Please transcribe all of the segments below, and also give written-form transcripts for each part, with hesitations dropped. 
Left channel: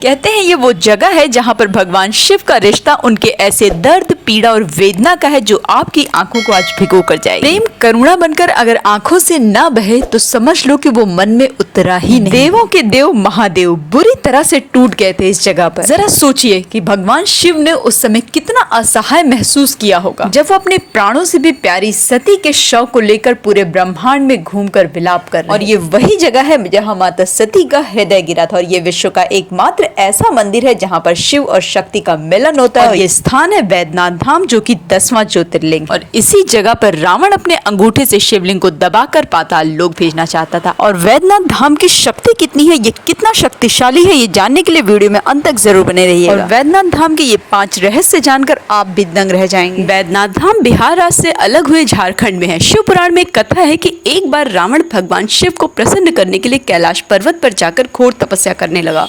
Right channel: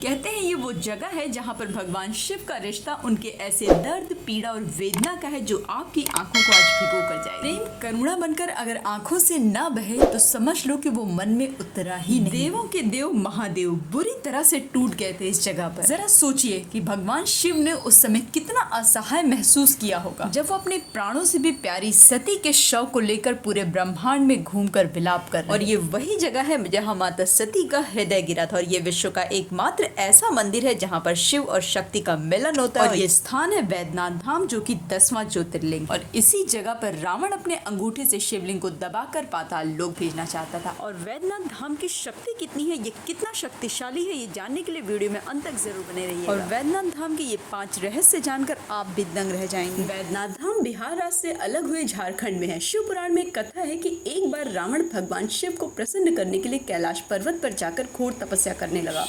कहते हैं ये वो जगह है जहाँ पर भगवान शिव का रिश्ता उनके ऐसे दर्द, पीड़ा और वेदना का है जो आपकी आंखों को आज भिगो कर जाए। प्रेम करुणा बनकर अगर आंखों से ना बहे तो समझ लो कि वो मन में उतरा ही नहीं। देवों के देव महादेव बुरी तरह से टूट गए थे इस जगह पर। जरा सोचिए कि भगवान शिव ने उस समय कितना असहाय महसूस किया होगा जब वो अपने प्राणों से भी प्यारी सती के शव को लेकर पूरे ब्रह्मांड में घूमकर विलाप कर रहे। और ये वही जगह है जहाँ माता सती का हृदय गिरा था। और ये विश्व का एकमात्र ऐसा मंदिर है जहाँ पर शिव और शक्ति का मिलन होता है। और ये स्थान है वैद्यनाथ धाम, जो कि 10वां ज्योतिर्लिंग। और इसी जगह पर रावण अपने अंगूठे से शिवलिंग को दबाकर पाताल लोक भेजना चाहता था। और वैद्यनाथ धाम की शक्ति कितनी है, ये कितना शक्तिशाली है, ये जानने के लिए वीडियो में अंत तक जरूर बने रहिएगा। और वैद्यनाथ धाम के ये 5 रहस्य जानकर आप भी दंग रह जाएंगे। वैद्यनाथ धाम बिहार राज्य से अलग हुए झारखंड में है। शिव पुराण में कथा है कि एक बार रावण भगवान शिव को प्रसन्न करने के लिए कैलाश पर्वत पर जाकर घोर तपस्या करने लगा।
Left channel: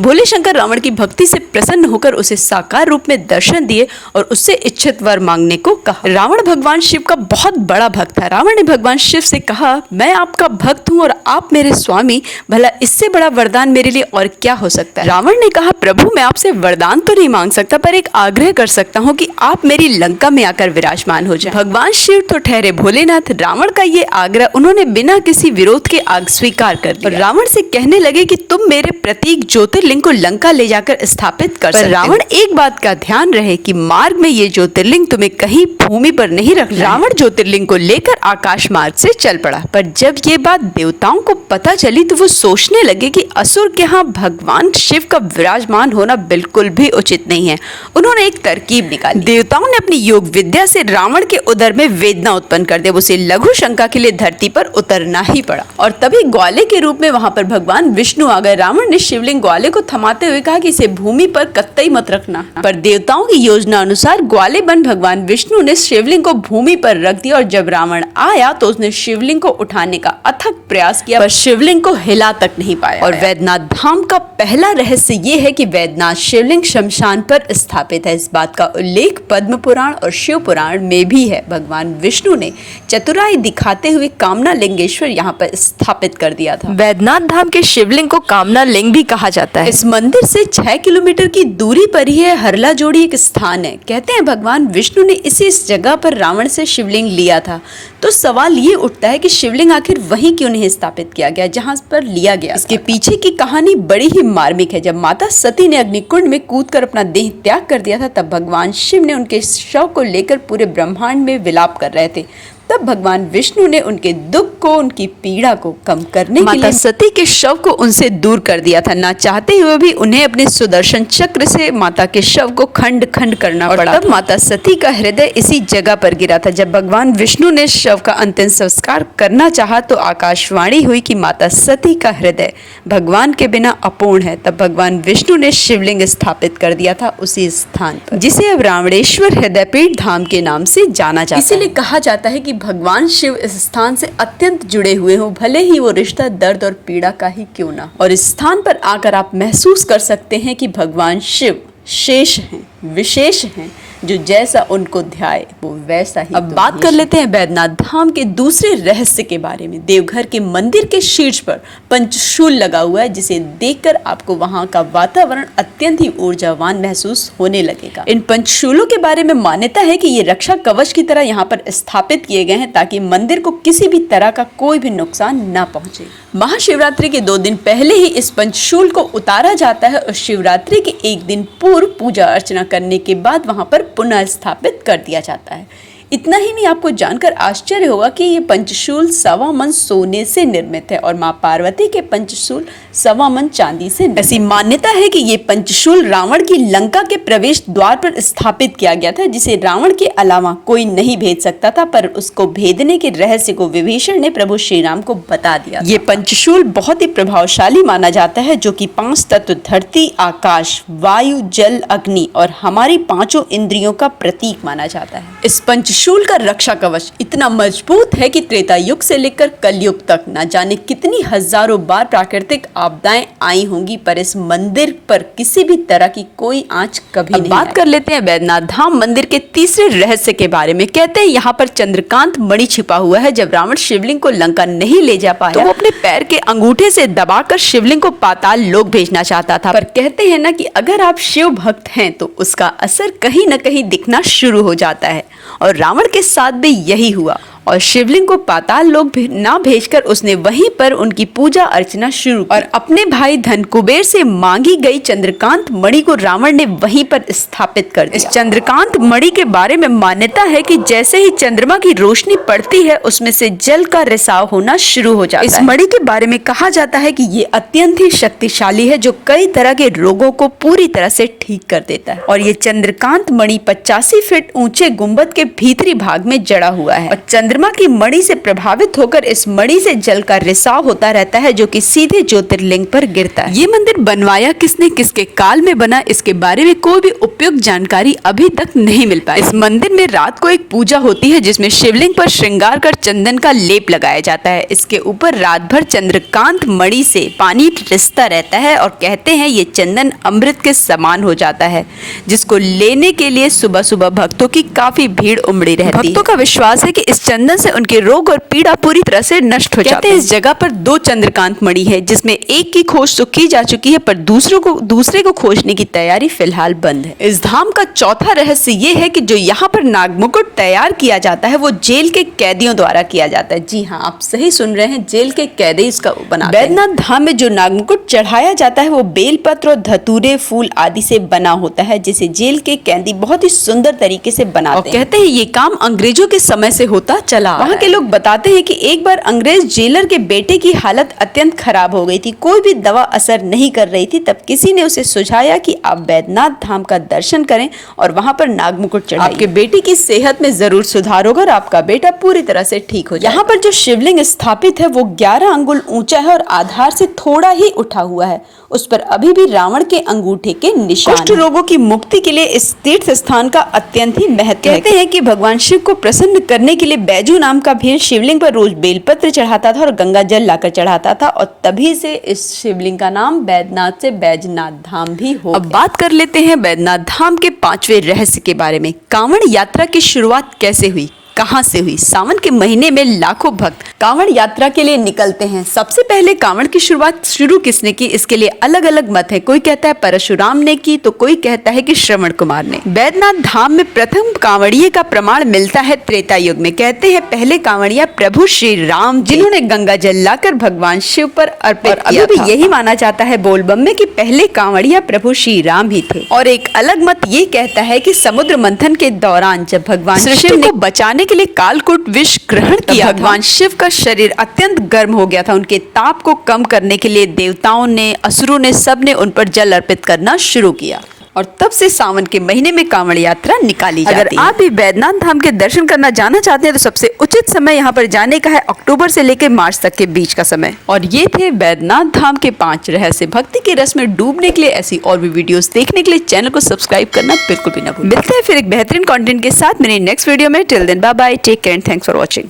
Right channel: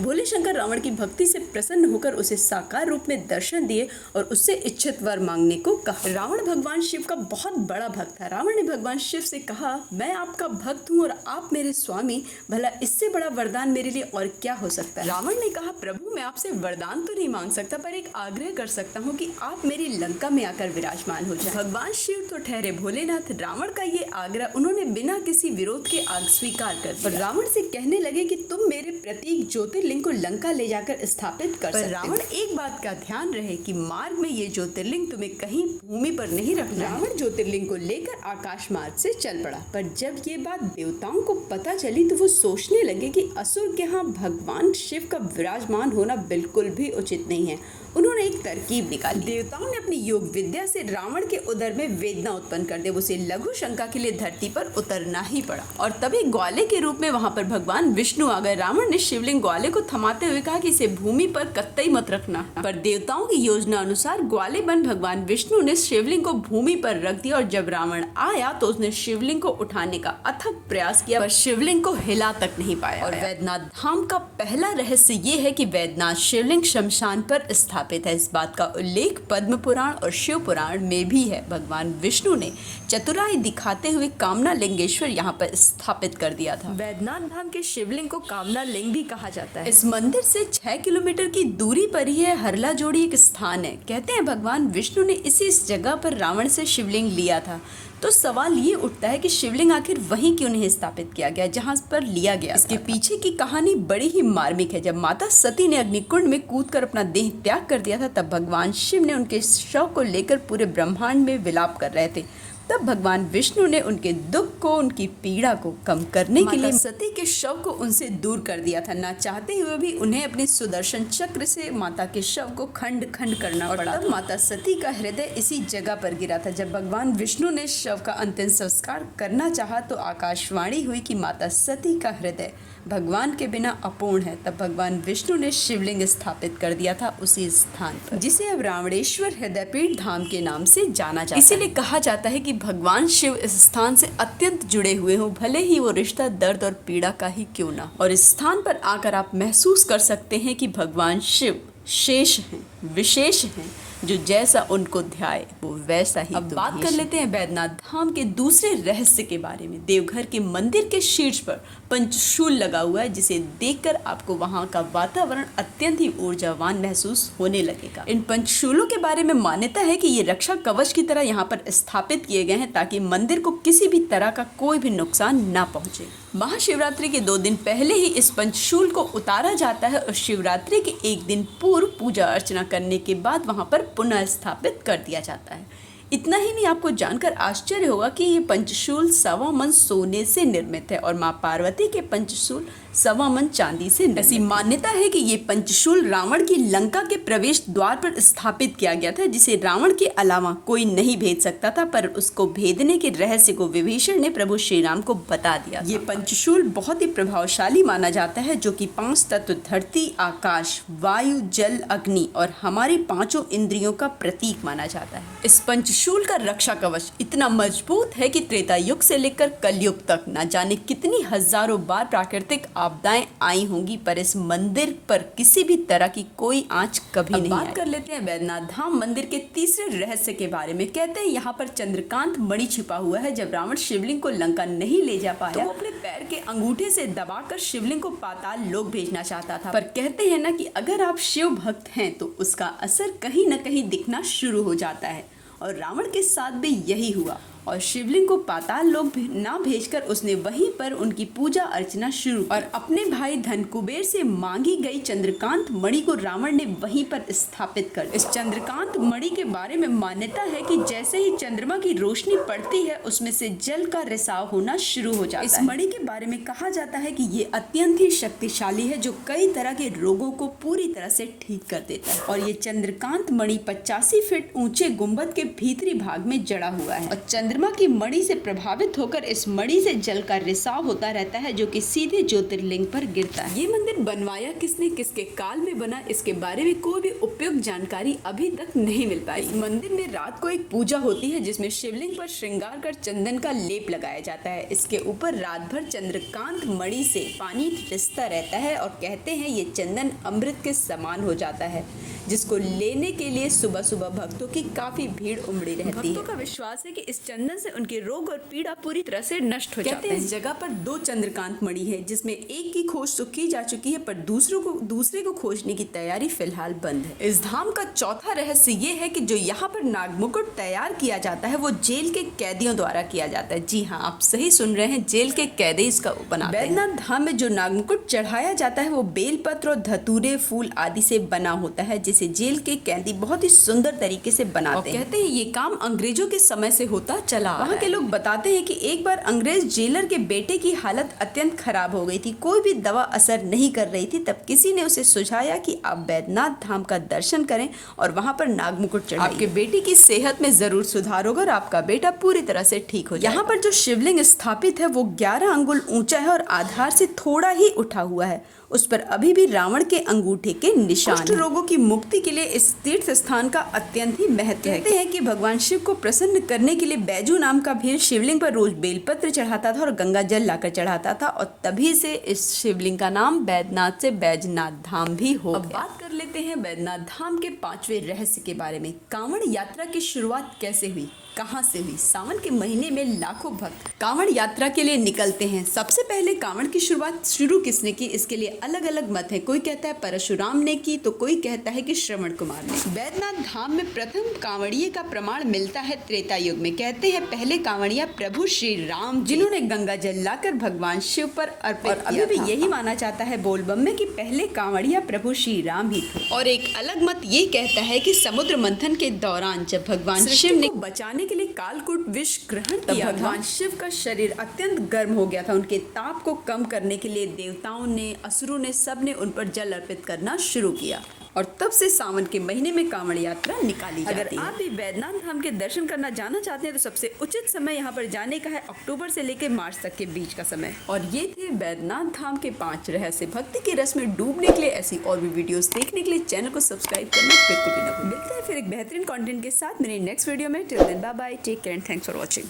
भोले शंकर रावण की भक्ति से प्रसन्न होकर उसे साकार रूप में दर्शन दिए और उससे इच्छित वर मांगने को कहा। रावण भगवान शिव का बहुत बड़ा भक्त था। रावण ने भगवान शिव से कहा, मैं आपका भक्त हूँ और आप मेरे स्वामी, भला इससे बड़ा वरदान मेरे लिए और क्या हो सकता है। रावण ने कहा, प्रभु मैं आपसे वरदान तो नहीं मांग सकता, पर एक आग्रह कर सकता हूँ कि आप मेरी लंका में आकर विराजमान हो जाए। भगवान शिव तो ठहरे भोलेनाथ, रावण का ये आग्रह उन्होंने बिना किसी विरोध के स्वीकार कर दिया। रावण से कहने लगे कि तुम मेरे प्रतीक ज्योतिर्लिंग को लंका ले जाकर स्थापित कर सकते। रावण एक बात का ध्यान रहे कि मार्ग में ये ज्योतिर्लिंग तुम्हें कहीं भूमि पर नहीं रख। रावण ज्योतिर्लिंग को लेकर आकाश मार्ग से चल पड़ा। पर जब ये बात देवताओं को पता चली तो वो सोचने लगे कि असुर के यहाँ भगवान शिव का विराजमान होना बिल्कुल भी उचित नहीं है। उन्होंने एक तरकीब निकाली। देवताओं ने अपनी योग विद्या से रावण के उदर में वेदना उत्पन्न कर दिया। उसे लघु शंका के लिए धरती पर उतरना ही पड़ा। और तभी ग्वाले के रूप में वहां पर भगवान विष्णु आ गए। रावण ने शिवलिंग ग्वाले को थमाते हुए कहा कि इसे भूमि पर कतई मत रखना। पर देवताओं की योजना अनुसार ग्वाले बन भगवान विष्णु ने शिवलिंग को भूमि पर रख दिया। और जब रावण आया तो उसने शिवलिंग को उठाने का अथक प्रयास किया, पर शिवलिंग को हिला तक नहीं पाया। और वैद्यनाथ धाम का पहला रहस्य ये है कि वैद्यनाथ शिवलिंग शमशान पर स्थापित है। इस बात का उल्लेख पद्म पुराण और शिव पुराण में भी है। भगवान विष्णु ने चतुराई दिखाते हुए कामना लिंगेश्वर यहाँ पर स्थापित कर दिया था। वैद्यनाथ धाम के शिवलिंग को कामना लिंग भी कहा जाता है। इस मंदिर से 6 किलोमीटर की दूरी पर ही है हरला जोड़ी एक स्थान है। कहते हैं भगवान विष्णु ने इस जगह पर रावण से शिवलिंग लिया था। तो सवाल ये उठता है कि शिवलिंग आखिर वहीं क्यों नहीं स्थापित किया गया जहां पर लिया गया। इसके पीछे की कहानी बड़ी ही मार्मिक है। जब माता सती ने अग्निकुंड में कूदकर अपना देह त्याग कर दिया था, तब भगवान शिव ने उनके शव को लेकर पूरे ब्रह्मांड में विलाप कर रहे थे। तब भगवान विष्णु ने उनके दुख को, उनकी पीड़ा को कम करने के लिए माता सती के शव को उनसे दूर कर दिया था। ना चाहते हुए भी उन्हें अपने सुदर्शन चक्र से माता के शव को खंड खंड करना पड़ा। तब माता सती का हृदय इसी जगह पर गिरा था। जब भगवान विष्णु ने शव का अंतिम संस्कार करना चाहा तो आकाशवाणी हुई कि माता सती का हृदय भगवान के बिना अपूर्ण है। तब भगवान विष्णु ने शिवलिंग स्थापित कर दिया था उसी स्थान पर, जिसे अब रावणेश्वर हृदयपीठ धाम के नाम से जाना जाता है। इसीलिए कहा जाता है कि भगवान शिव इस स्थान से अत्यंत जुड़े हुए हों, भले ही वो रिश्ता दर्द और पीड़ा का ही क्यों ना। और इस स्थान पर आकर आप महसूस कर सकते हैं कि भगवान शिव शेष हैं, विशेष हैं, जो जैसा उनको ध्याए वो वैसा ही। अब बात कर लेते हैं वैद्यनाथ धाम के दूसरे रहस्य के बारे में। देवघर के मंदिर के शीर्ष पर पंचशूल लगा हुआ है, जिसे देखकर आपको वहां का वातावरण अत्यंत ही ऊर्जावान महसूस होने लगेगा। इन पंचशूलों के बारे में मान्यता है कि ये रक्षा कवच की तरह यहाँ पर स्थापित किए गए हैं ताकि मंदिर को किसी भी तरह का कोई भी नुकसान न पहुंचे। महाशिवरात्रि के 2 दिन पहले ही इस पंचशूल को उतारा जाता है और शिवरात्रि के 1 दिन पूर्व पूजा अर्चना करने के बाद वहां पर पुनः स्थापित कर दिया जाता है। इतना ही नहीं, आपको जानकर आश्चर्य होगा कि ये पंचशूल 1.25 मन सोने से निर्मित है और मां पार्वती के पंचशूल 1.25 मन चांदी से। ऐसी मान्यता है कि ये पंचशूल रावण की लंका के प्रवेश द्वार पर स्थापित किया गया था, जिसे रावण के अलावा कोई नहीं भेद सकता था। पर उसको भेदने के रहस्य को विभीषण ने प्रभु श्री राम को बता दिया। ये पंचशूल बहुत ही प्रभावशाली माना जाता है, जो कि 5 तत्व धरती, आकाश, वायु, जल, अग्नि और हमारी 5 इंद्रियों का प्रतीक माना जाता है। इस पंचशूल त्रिशूल का रक्षा कवच इतना मजबूत है कि त्रेता युग से लेकर कलयुग तक न जाने कितनी हजारों बार प्राकृतिक आपदाएं आई होंगी, पर इस मंदिर पर किसी भी तरह की कोई आंच कभी नहीं। बात कर लेते हैं वैद्यनाथ धाम मंदिर के तीसरे रहस्य के बारे में। कहते हैं यहाँ पर चंद्रकांत मणि छिपा हुआ है। जब रावण शिवलिंग को लंका नहीं ले जा पाया तो वो अपने पैर के अंगूठे से दबाकर शिवलिंग को पाताल लोक भेजना चाहता था। पर कहते हैं ना कि अगर आप शिव भक्त हैं तो उसका असर कहीं न कहीं दिखना शुरू हो जाता है, और रावण के साथ भी यही हुआ और शिवलिंग को पाताल लोक ना भेजकर उसने वहीं पर उनकी पूजा अर्चना शुरू की और अपने भाई धनकुबेर से मांगी गई चंद्रकांत मणि को रावण ने वहीं पर स्थापित कर दिया। इस चंद्रकांत मणि के बारे में मान्यता है कि जैसे ही चंद्रमा की रोशनी पड़ती है उसमें से जल का रिसाव होना शुरू हो जाता है। इस मणि के बारे में कहा जाता है कि ये अत्यंत ही शक्तिशाली है जो कई तरह के रोगों को पूरी तरह से ठीक कर देता है। और ये चंद्रकांत मणि 85 फीट ऊंचे गुंबद के भीतरी भाग में जड़ा हुआ है और चंद्रमा की मणि से प्रभावित होकर इस मणि से जल का रिसाव होता रहता है जो कि सीधे ज्योतिर्लिंग पर गिरता है। ये मंदिर बनवाया किसने, किसके काल में बना, इसके बारे में कोई भी उपयुक्त जानकारी अभी तक नहीं मिल पाई। इस मंदिर में रात को एक पूजा होती है जिसमें शिवलिंग पर श्रृंगार कर चंदन का लेप लगाया जाता है। इसके ऊपर रात भर चंद्रकांत मणि से पानी रिसता रहता है और कहते हैं ये चंदन अमृत के समान हो जाता है, जिसको लेने के लिए सुबह सुबह भक्तों की काफी भीड़ उमड़ी रहती है। भक्तों का विश्वास है कि इस चंदन से उनके रोग और पीड़ा पूरी तरह से नष्ट हो जाते हैं। इस जगह पर 2 चंद्रकांत मणि है जिसमें एक की खोज तो की जा चुकी है, पर दूसरे को खोजने की तैयारी फिलहाल बंद है। इस धाम का चौथा रहस्य ये है कि जो यहाँ पर नागमुकुट तैयार किया जाता है वो जेल के कैदियों द्वारा किया जाता है। जी हाँ, आप सही सुन रहे हैं, जेल के कैदी इसका बनाते हैं। वैद्यनाथ धाम में जो नागमुकुट चढ़ाया जाता है वो बेलपत्र और धतूरे फूल आदि से बना होता है, जिसे जेल के कैदी बहुत ही सुंदर तरीके से बनाते हैं। कहते हैं ये काम अंग्रेजों के समय से होता चला। वहाँ के लोग बताते हैं कि एक बार अंग्रेज जेलर के बेटे की हालत अत्यंत खराब हो गई थी, कोई भी दवा असर नहीं कर रही थी। तब किसी ने उसे सुझाया कि आप वैद्यनाथ धाम का दर्शन करें और वहाँ पर नागमुकुट चढ़ाइए, आपके बेटे की सेहत में जरूर सुधार होगा और आपका बेटा पूरी तरह से ठीक हो जाएगा। यहाँ पर जो शिवलिंग स्थापित है वो 11 अंगुल ऊंचा है और आधार से थोड़ा ही उठा हुआ है। उस पर अभी भी रावण के अंगूठे के निशान। कुष्ठ रोगों की मुक्ति के लिए इस तीर्थ स्थान का अत्यंत ही महत्व है। कहते हैं कि भगवान शिव को प्रसन्न करने के लिए बैजू नाम का भीड़ शिवलिंग पर रोज बेलपत्र चढ़ाता था और गंगा जल लाकर चढ़ाता था, और तभी से इस शिवलिंग का नाम बैद्यनाथ से बैजनाथ धाम भी हो। अब बात कर लेते हैं बैद्यनाथ धाम के 5वें रहस्य के बारे में। कांवड़ यात्रा की शुरुआत कैसे हुई, कहां से हुई? सावन के महीने में लाखों भक्त कांवड़ यात्रा के लिए निकलते हैं। सबसे पहले कांवड़ की शुरुआत शुरू किसने की, इसके लिए अलग अलग मत है। कोई कहता है परशुराम ने की तो कोई कहता है कि श्रवण कुमार ने। बैद्यनाथ धाम में प्रथम कांवड़िये का प्रमाण मिलता है त्रेता युग में। कहते हैं पहले कांवड़िया प्रभु श्री राम, जिन्होंने गंगा जल लाकर भगवान शिव पर अर्पित किया था। यही माना जाता है बोलबम में कि पहले कांवड़िया प्रभु श्री राम ही थे। और एक अलग मत ये कहता है कि समुद्र मंथन के दौरान जब भगवान शिव ने बचाने के लिए कालकूट विष ग्रहण किया, भगवान शिव का शरीर अत्यंत गर्म हो गया था। उनके ताप को कम करने के लिए देवताओं ने, असुरों ने, सबने उन पर जल अर्पित करना शुरू किया और तब से सावन के महीने में कांवड़ यात्रा निकाली जाती है। अगर आप भी बैद्यनाथ धाम के दर्शन करना जाना चाहते हैं तो सबसे उचित समय यहाँ पर जाने का है अक्टूबर से लेकर मार्च तक के बीच का समय। और ये थे बैद्यनाथ धाम के 5 रहस्य। भक्ति के रस में डूबने के लिए ऐसी और भी वीडियोस देखने के लिए चैनल को सब्सक्राइब करना बिल्कुल भी ना भूलें। मिलते हैं फिर एक बेहतरीन कंटेंट के साथ मेरे नेक्स्ट वीडियो में। Till then bye bye, take care and thanks for watching.